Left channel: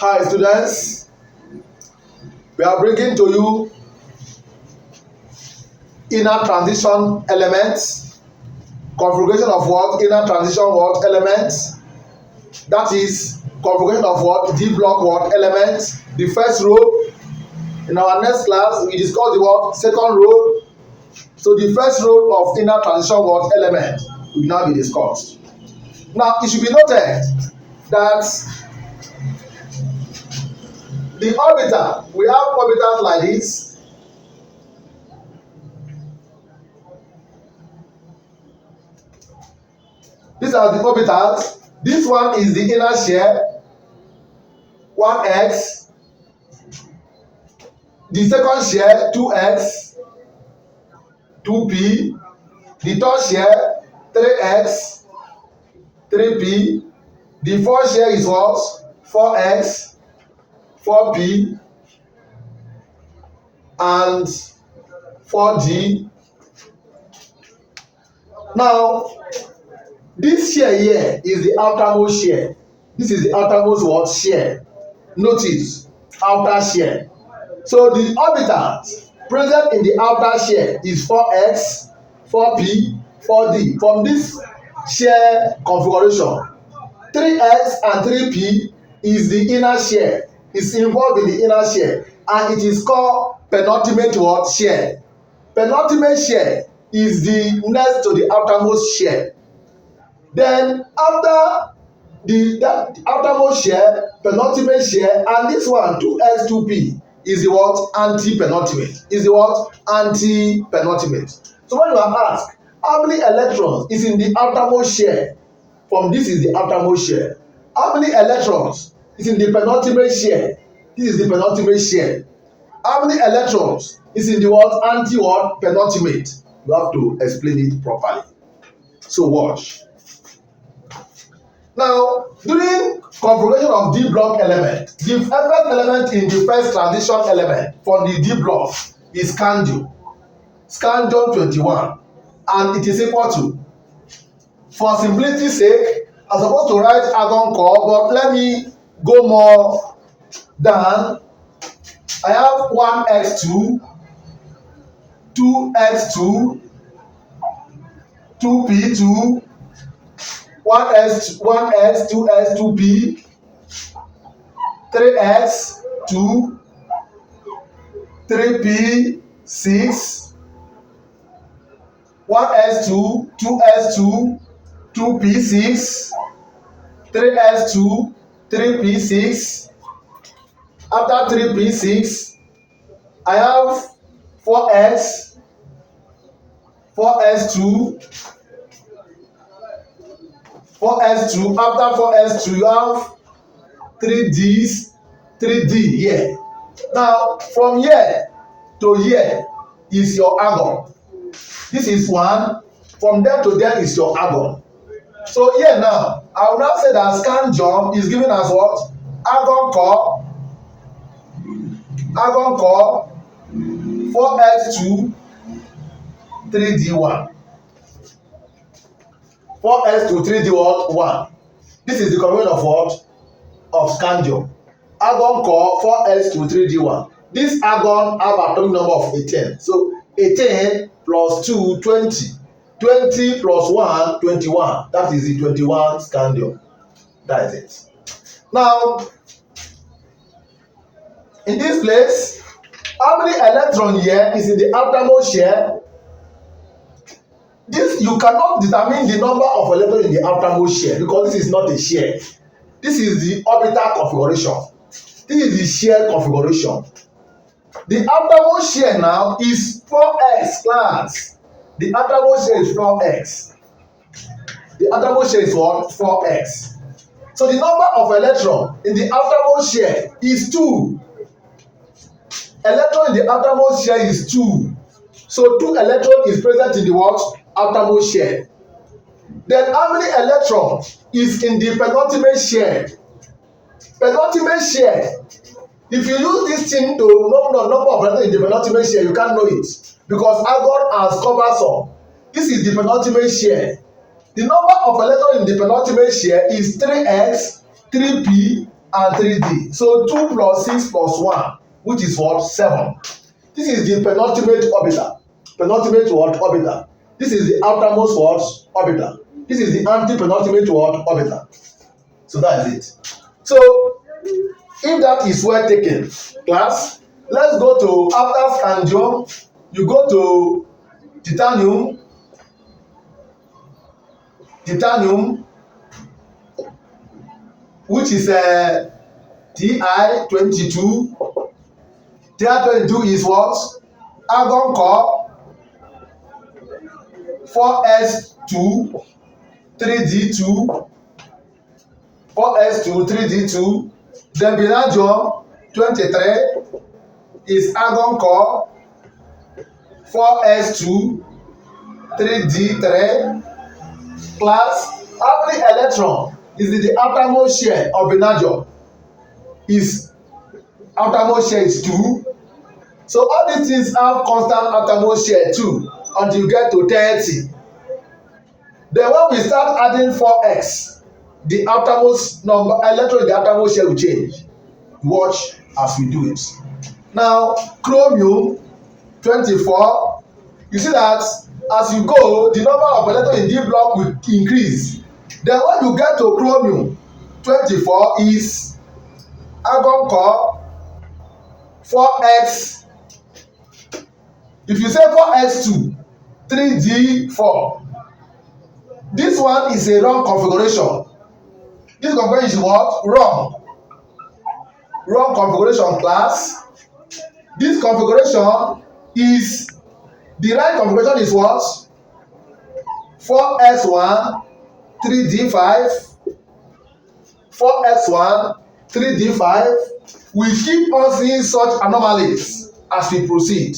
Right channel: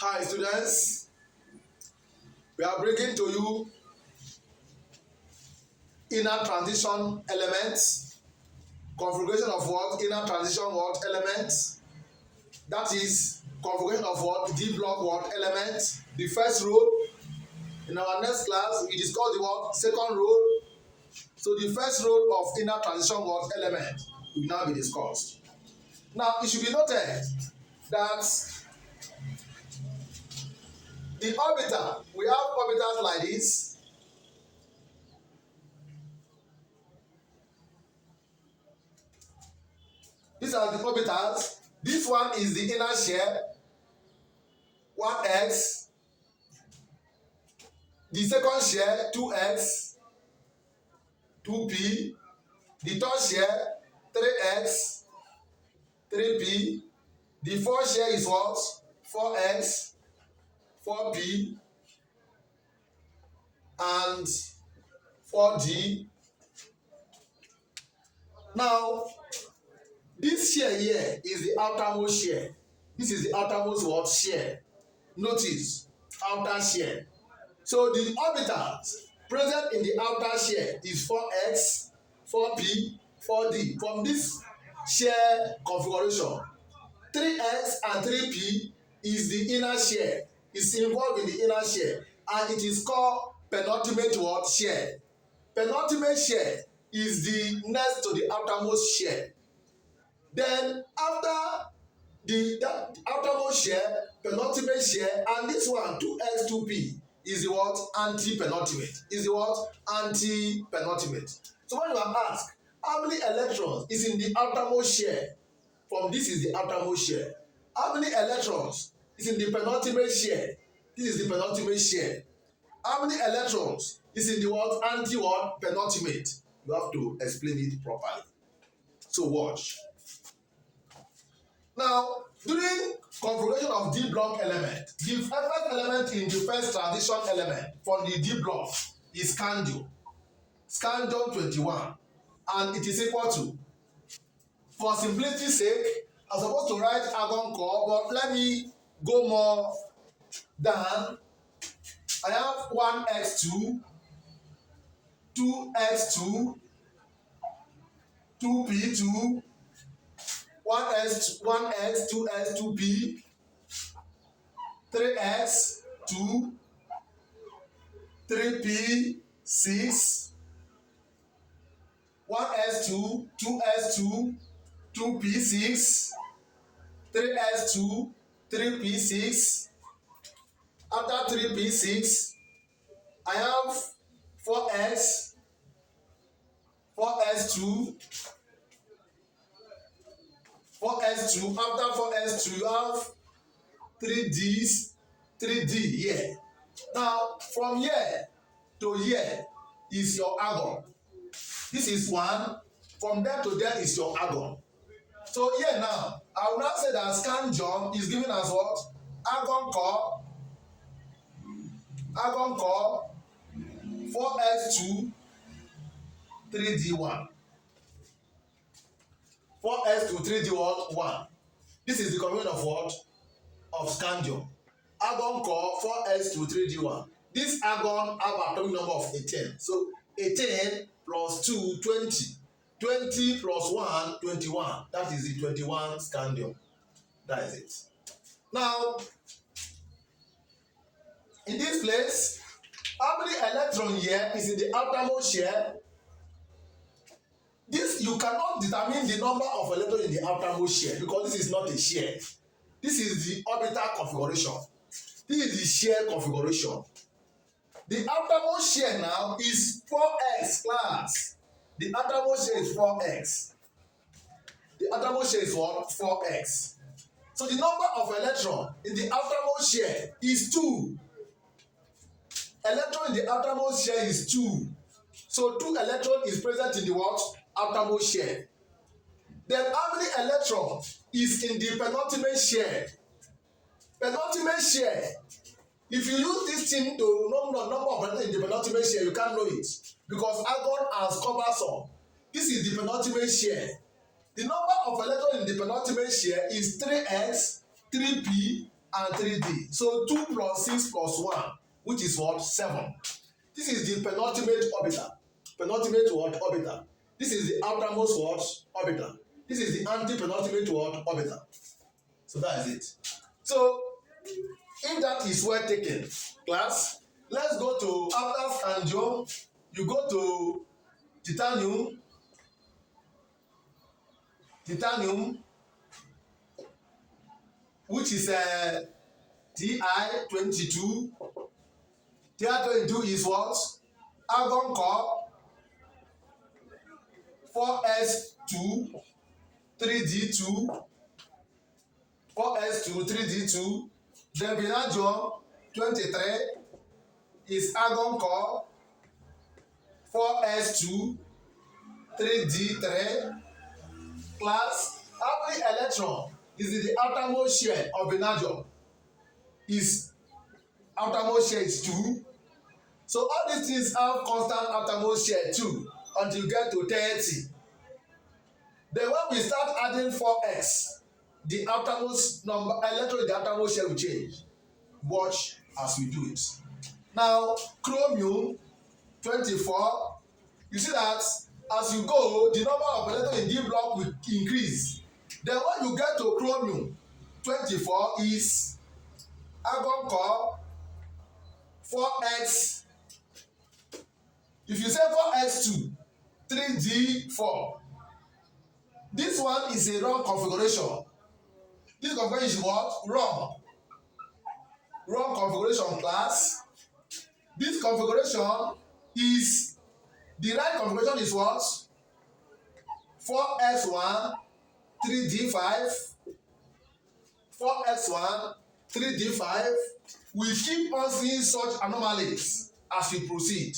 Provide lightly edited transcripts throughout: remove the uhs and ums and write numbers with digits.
Hi students, we are bringing to you inner transition elements, configuration of what? Inner transition what? Elements. That is configuration of what? D block what? Elements. The first row. In our next class, we discuss the what? Second row. So the first row of inner transition what? Element will now be discussed. Now it should be noted that the orbiter, we have orbitals like this. These are the orbitals. This one is the inner shell, 1x. The second shell, 2x, 2p. The third shell, 3x, 3p. The fourth shell is what? 4x, 4p, and 4g. Now, this shell here is the outermost shell. This is the outermost what? Shell. Notice, outer shell. So the orbitals present in the outer shell is 4x, 4p, 4d. From this shell configuration, 3x and 3p is the inner shell. It's involved in the inner shell, and it is called penultimate what? Shell. Penultimate shell is the next to the outermost shell. Then after that outermost shell, penultimate shell, and this one 2x 2p is the what? Anti-penultimate. Is the what? Anti-penultimate. So when you are asked how many electrons is in the outermost shell, from this is the outermost shell. How many electrons is in the penultimate shell? This is the penultimate shell. How many electrons is in the what? Anti what? Penultimate. You have to explain it properly. So watch. Now, during configuration of D block element, the first element in the first transition element for the D block is scandium. Scandium 21, and it is equal to, for simplicity's sake, I'm supposed to write argon core, but let me go more down. I have 1x2, 2x2, 2p2, 1x, 2x, 2p, 3x, 2, 3p, 6, 1s2, 2s2, 2p6, 3s2, 3p6. After 3p6, I have 4s, 4s2, 4s2. After 4s2, you have 3ds, 3d here. Now, from here to here is your argon. This is 1. From there to there is your argon. So here now, I will now say that scandium is given as what? Argon core, 4s2, 3d1. 4s2, 3d 1. This is the combination of what? Of scandium. Argon core, 4s2, 3d1. This argon have atomic number of 18. So 18 plus 2, 20. 20 plus 1, 21. That is the 21 scandium. That is it. Now, in this place, how many electrons here is in the outermost shell? This, you cannot determine the number of electrons in the outermost shell because this is not a shell. This is the orbital configuration. This is the shell configuration. The outermost shell now is 4x class. The outermost shell is 4x. The outermost shell is what? 4x. So the number of electrons in the outermost shell is 2. Electron in the outermost shell is 2. So 2 electrons is present in the what? Outermost shell. Then how many electrons is in the penultimate shell? Penultimate shell. If you use this thing to know the number of electrons in the penultimate shell, you can't know it because argon has covered some. This is the penultimate shell. The number of electrons in the penultimate shell is 3x, 3p, and 3d. So 2 plus 6 plus 1, which is what? 7. This is the penultimate orbital. Penultimate what? Orbital. This is the outermost what? Orbital. This is the anti-penultimate what? Orbital. So that is it. So if that is well taken, class, let's go to after scandium, you go to titanium, which is Ti22. Ti22 is what? Argon core 4s2 3d2 4s2 3d2. Then vanadium 23 is argon core 4s2 3d3. Class, how many electron is in the outermost shell of vanadium? Is outermost shell is 2. So all these things have constant outermost shell 2 until you get to 30. Then when we start adding 4x, the outermost number electron in the outermost shell will change. Watch as we do it. Now chromium 24, you see that as you go, the number of electrons in D block will increase. Then when you get to chromium 24 is argon core 4x. If you say 4x2 3d4, this one is a wrong configuration. This configuration is what? Wrong. Wrong configuration, class. This configuration is, the right configuration is what? 4s1 3d5 4s1 3d5. We keep on seeing such anomalies as we proceed.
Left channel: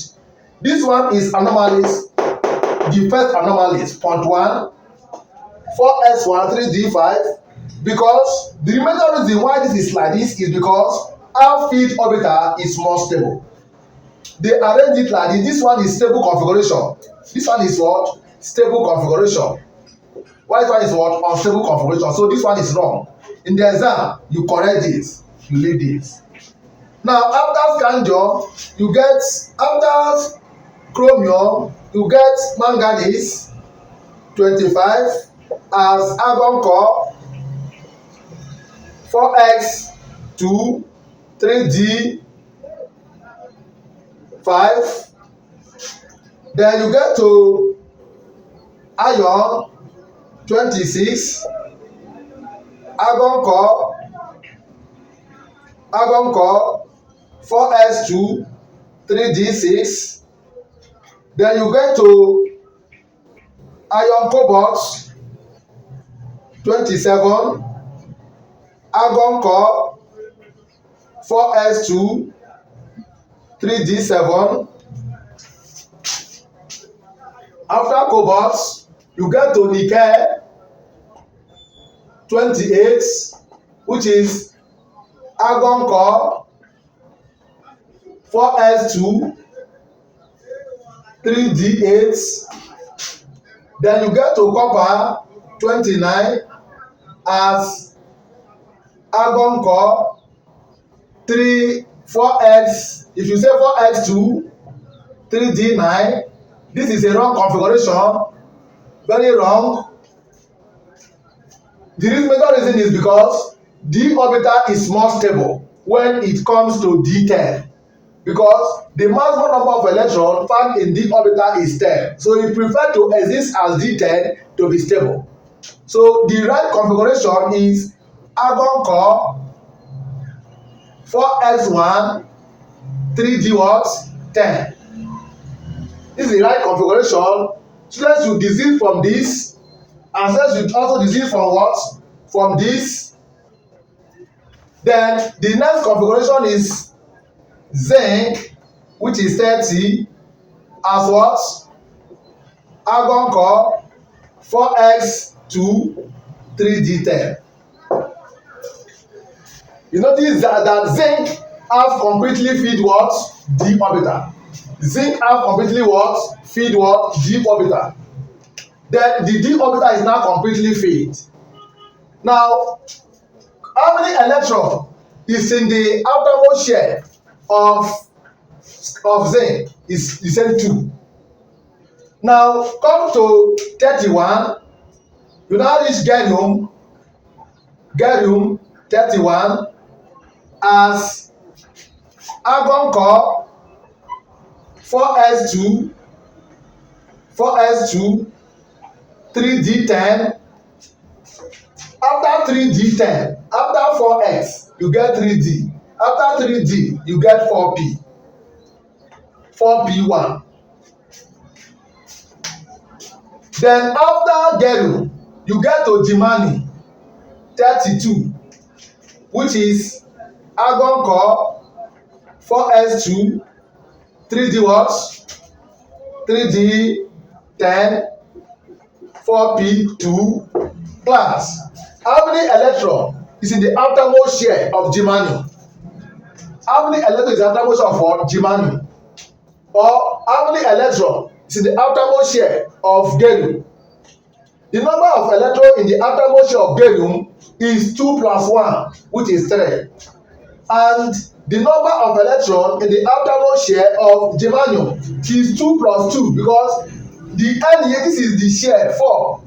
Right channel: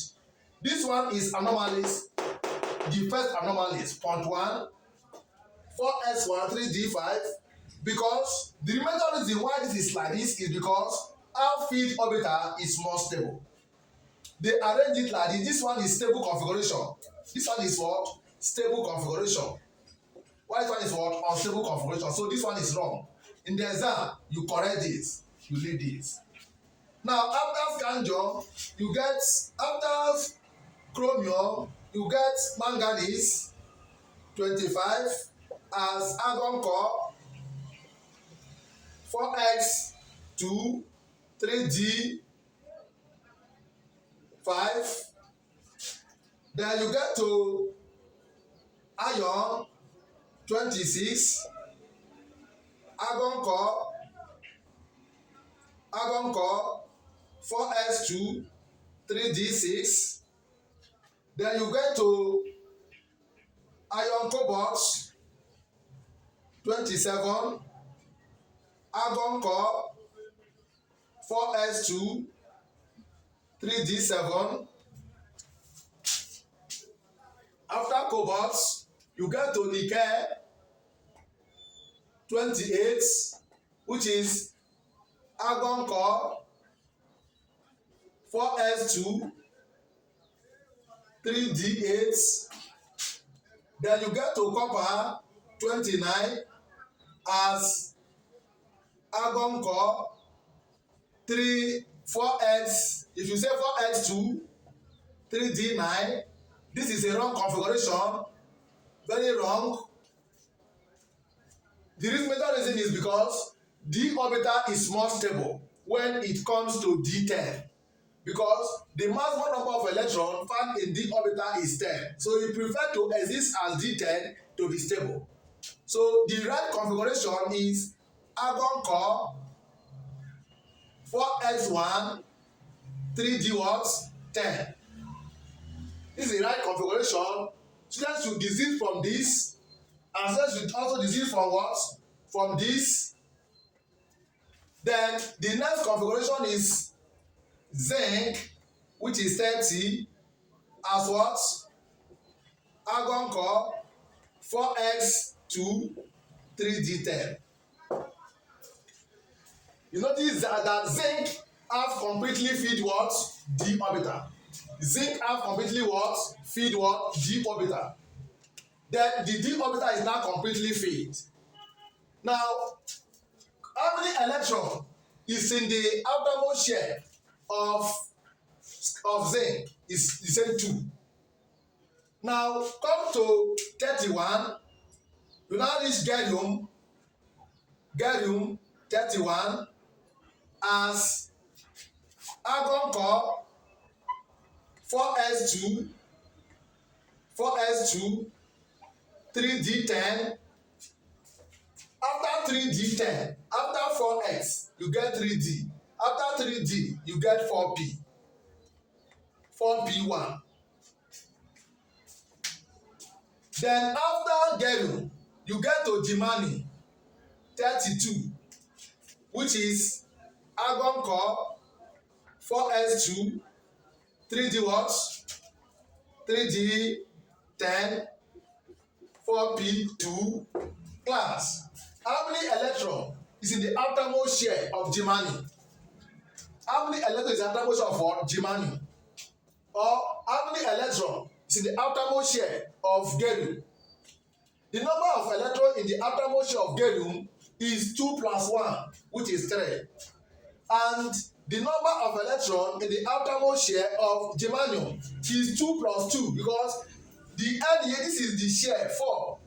This one is anomalies, the first anomalies, point 1, 4s1 3d5, because the remaining reason why this is like this is because our field orbital is more stable. They arrange it like this. This one is stable configuration. This one is what? Stable configuration. Why this one is what? Unstable configuration. So this one is wrong. In the exam, you correct this, you leave this. Now after scandium, you get, after chromium, you get manganese 25 as argon core 4x2 3d5. Then you get to iron 26 argon core 4s2 3d6. Then you get to iron cobalt 27 argon core 4s2 3d7. After cobalt, you get to nickel 28, which is argon core 4s2 3d8. Then you get to copper 29 as argon core 4x. If you say 4x2 3d9, this is a wrong configuration, very wrong. The major reason is because d orbital is more stable when it comes to d10, because the maximum number of electrons found in d orbital is 10. So you prefer to exist as d10 to be stable. So the right configuration is argon core 4x1 3d what? 10. This is the right configuration. Students should desist from this, and students should also desist from what? From this. Then the next configuration is zinc, which is 30 as what? Argon core 4x2 3d10. You notice that zinc have completely feed what? D orbital. Zinc have completely what? Feed what? D orbital. Then the D orbital is now completely filled. Now, how many electrons is in the outermost shell of zinc is same 2. Now come to 31. You now reach gallium 31 as argon core 4s2 3d10. After 3d10, after 4s you get 3d. After 3d you get 4p1. Then after gallium you get to germanium 32, which is argon core 4s2 3d what? 3d10 4p2 class. How many electron is in the outermost shell of germanium? How many electron is the outermost of germanium? Or how many electron is in the outermost shell of gallium? The number of electrons in the outermost shell of gallium is 2 plus 1, which is 3. And the number of electrons in the outermost shell of germanium is 2 plus 2, because the end here, this is the shell 4.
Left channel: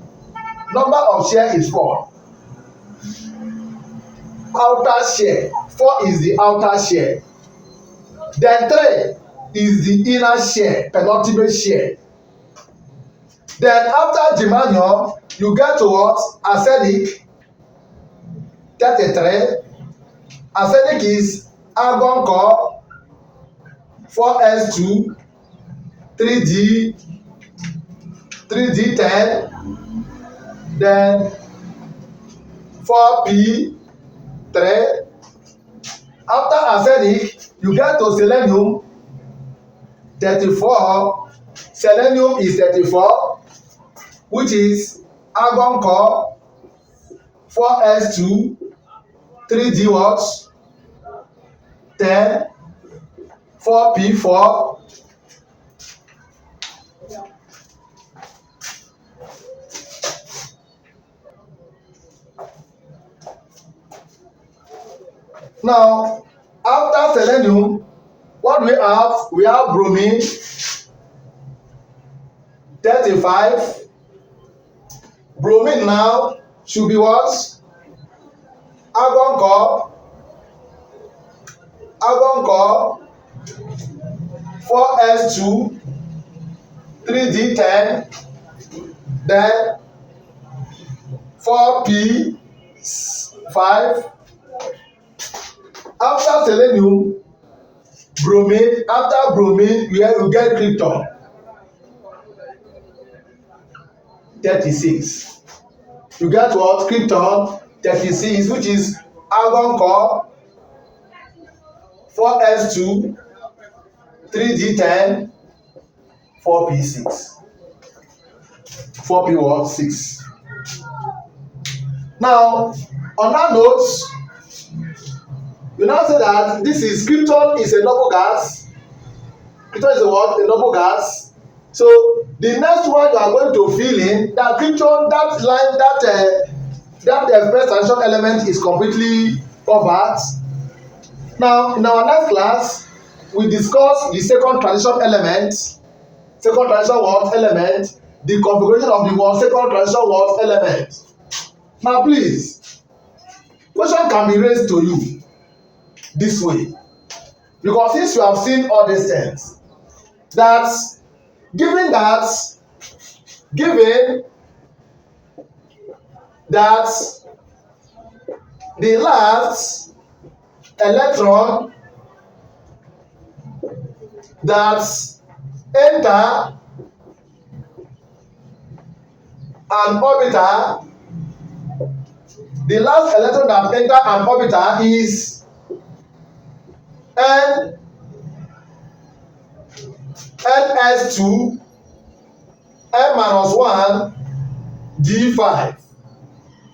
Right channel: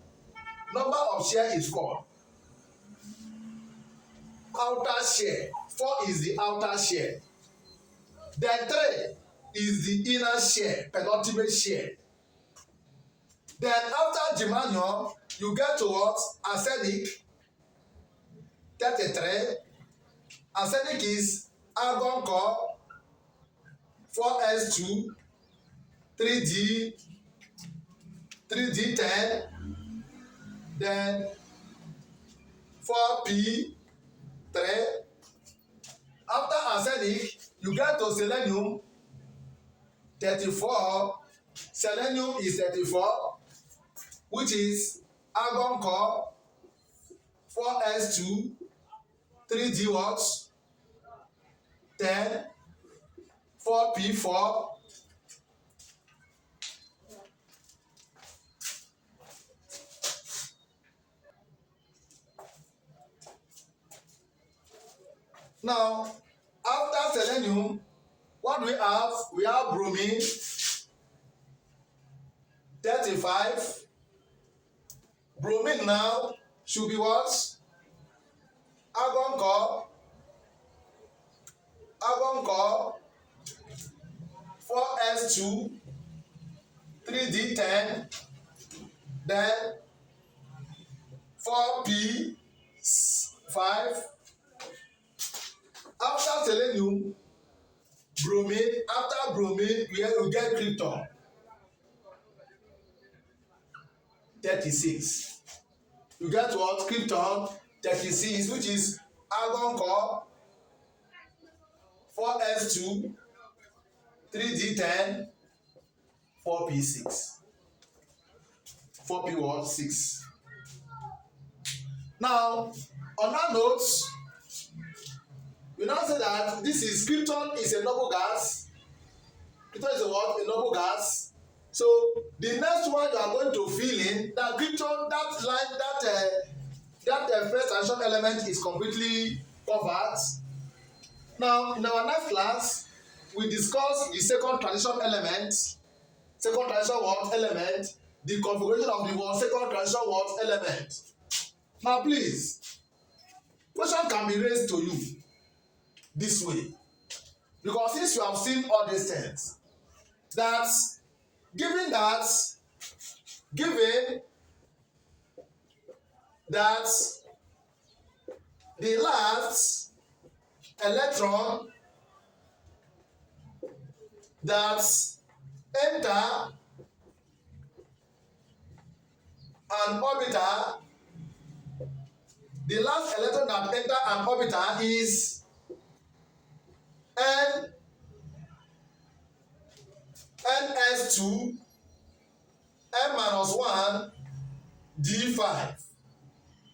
Number of shell is 4. Outer shell 4 is the outer shell. Then 3 is the inner shell, penultimate shell. Then after germanium, you get to what? Arsenic 33. Arsenic is argon core 4s2 3d10, then 4p3. After arsenic you get to selenium 34. Selenium is 34, which is argon core 4s2 3d what? 10 4p4. Now after selenium, what do we have? We have bromine 35. Bromine now should be what? Argon core 4s2 3d10, then 4p5. After selenium, bromine. After bromine, you get krypton 36. You get what? Krypton 36, which is argon core 4s2 3d10 4p6. 4p what? 6. Now on that note, you now say that this is krypton is a noble gas. Krypton is a what? A noble gas. So the next one you are going to fill in that krypton, that line, that first transition element is completely covered. Now in our next class we discuss the second transition element. Second transition what? Element. The configuration of the one second transition what? Element. Now please, question can be raised to you this way, because since you have seen all these things, that given that the last electron that enter an orbiter, the last electron that enter an orbiter is ns2 n-1 d5.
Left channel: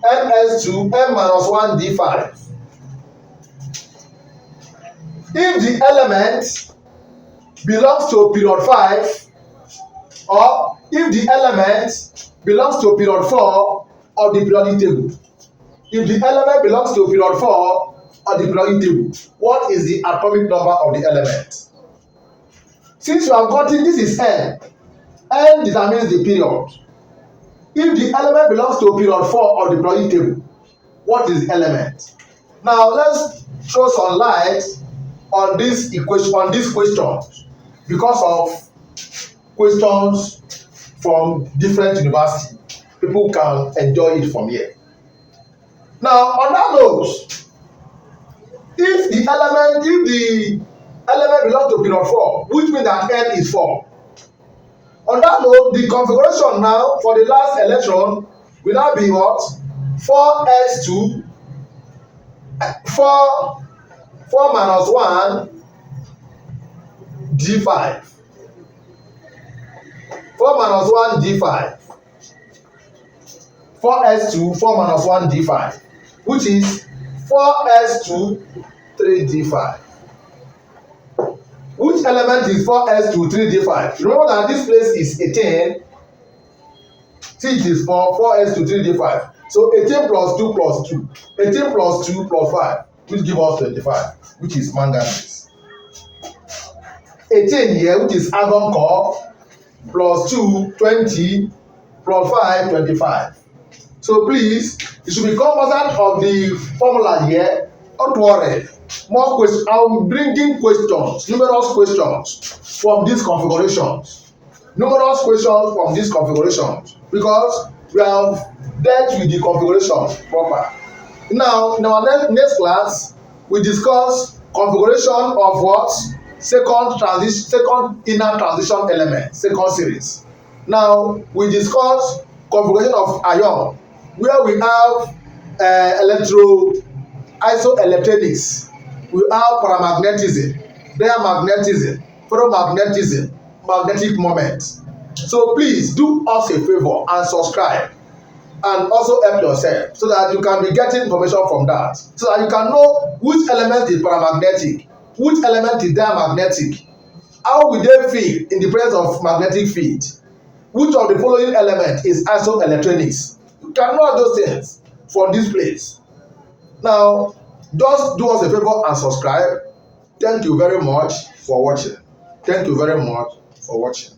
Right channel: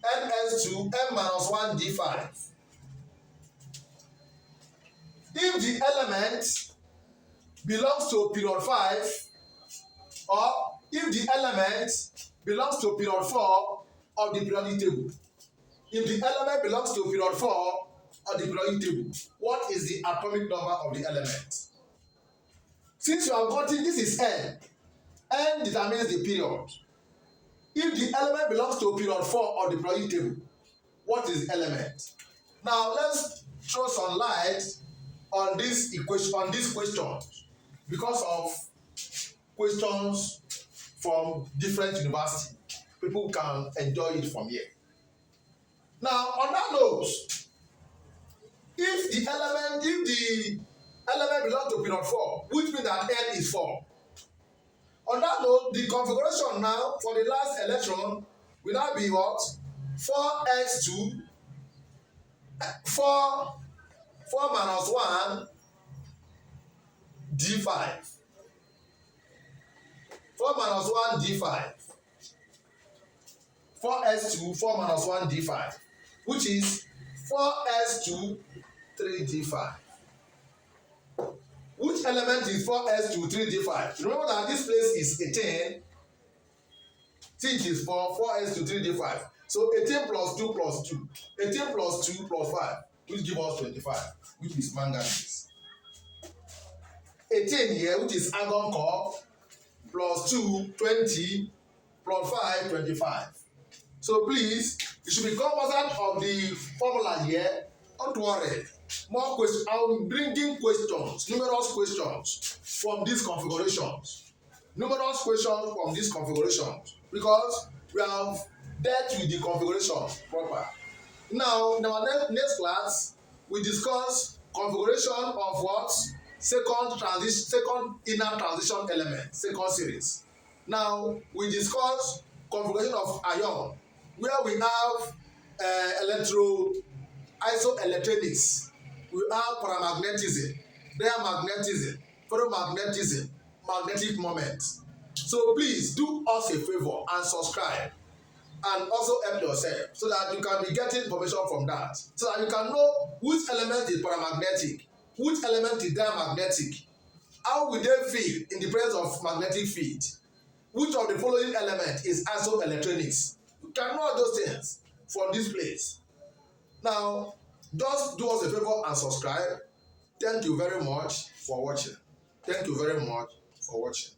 ns2 n-1 d5. If the element belongs to period 5, or if the element belongs to period 4 of the periodic table. If the element belongs to period 4 on the periodic table, what is the atomic number of the element? Since you have gotten this is N, N determines the period. If the element belongs to period 4 of the periodic table, what is the element? Now let's throw some light on this equation, on this question, because of questions from different universities. People can enjoy it from here. Now on that note, if the element belongs to period 4, which means that N is 4. On that note, the configuration now for the last electron will now be what? 4s2 4 minus 1 d5. 4 minus 1 d5. 4s2 4 minus 1 d5, which is 4s2 3d5. Which element is 4s2 3d5? Remember that this place is 18. See, it is 4s2 3d5. So 18 plus 2 plus 2. 18 plus 2 plus 5, which gives us 25, which is manganese. 18 here, which is argon core, plus 2, 20, plus 5, 25. So please, you should be cognizant of the formula here. Don't worry. More questions. I'm bringing questions, numerous questions from these configurations. Numerous questions from these configurations, because we have dealt with the configuration proper. Now, in our next class, we discuss configuration of what? Second inner transition element, second series. Now, we discuss configuration of ion, where we have isoelectronics, we have paramagnetism, diamagnetism, ferromagnetism, magnetic moment. So please do us a favor and subscribe, and also help yourself, so that you can be getting information from that, so that you can know which element is paramagnetic, which element is diamagnetic, how will they feel in the presence of magnetic field, which of the following element is isoelectronics. You can know those things from this place. Now, just do us a favor and subscribe. Thank you very much for watching. Thank you very much for watching.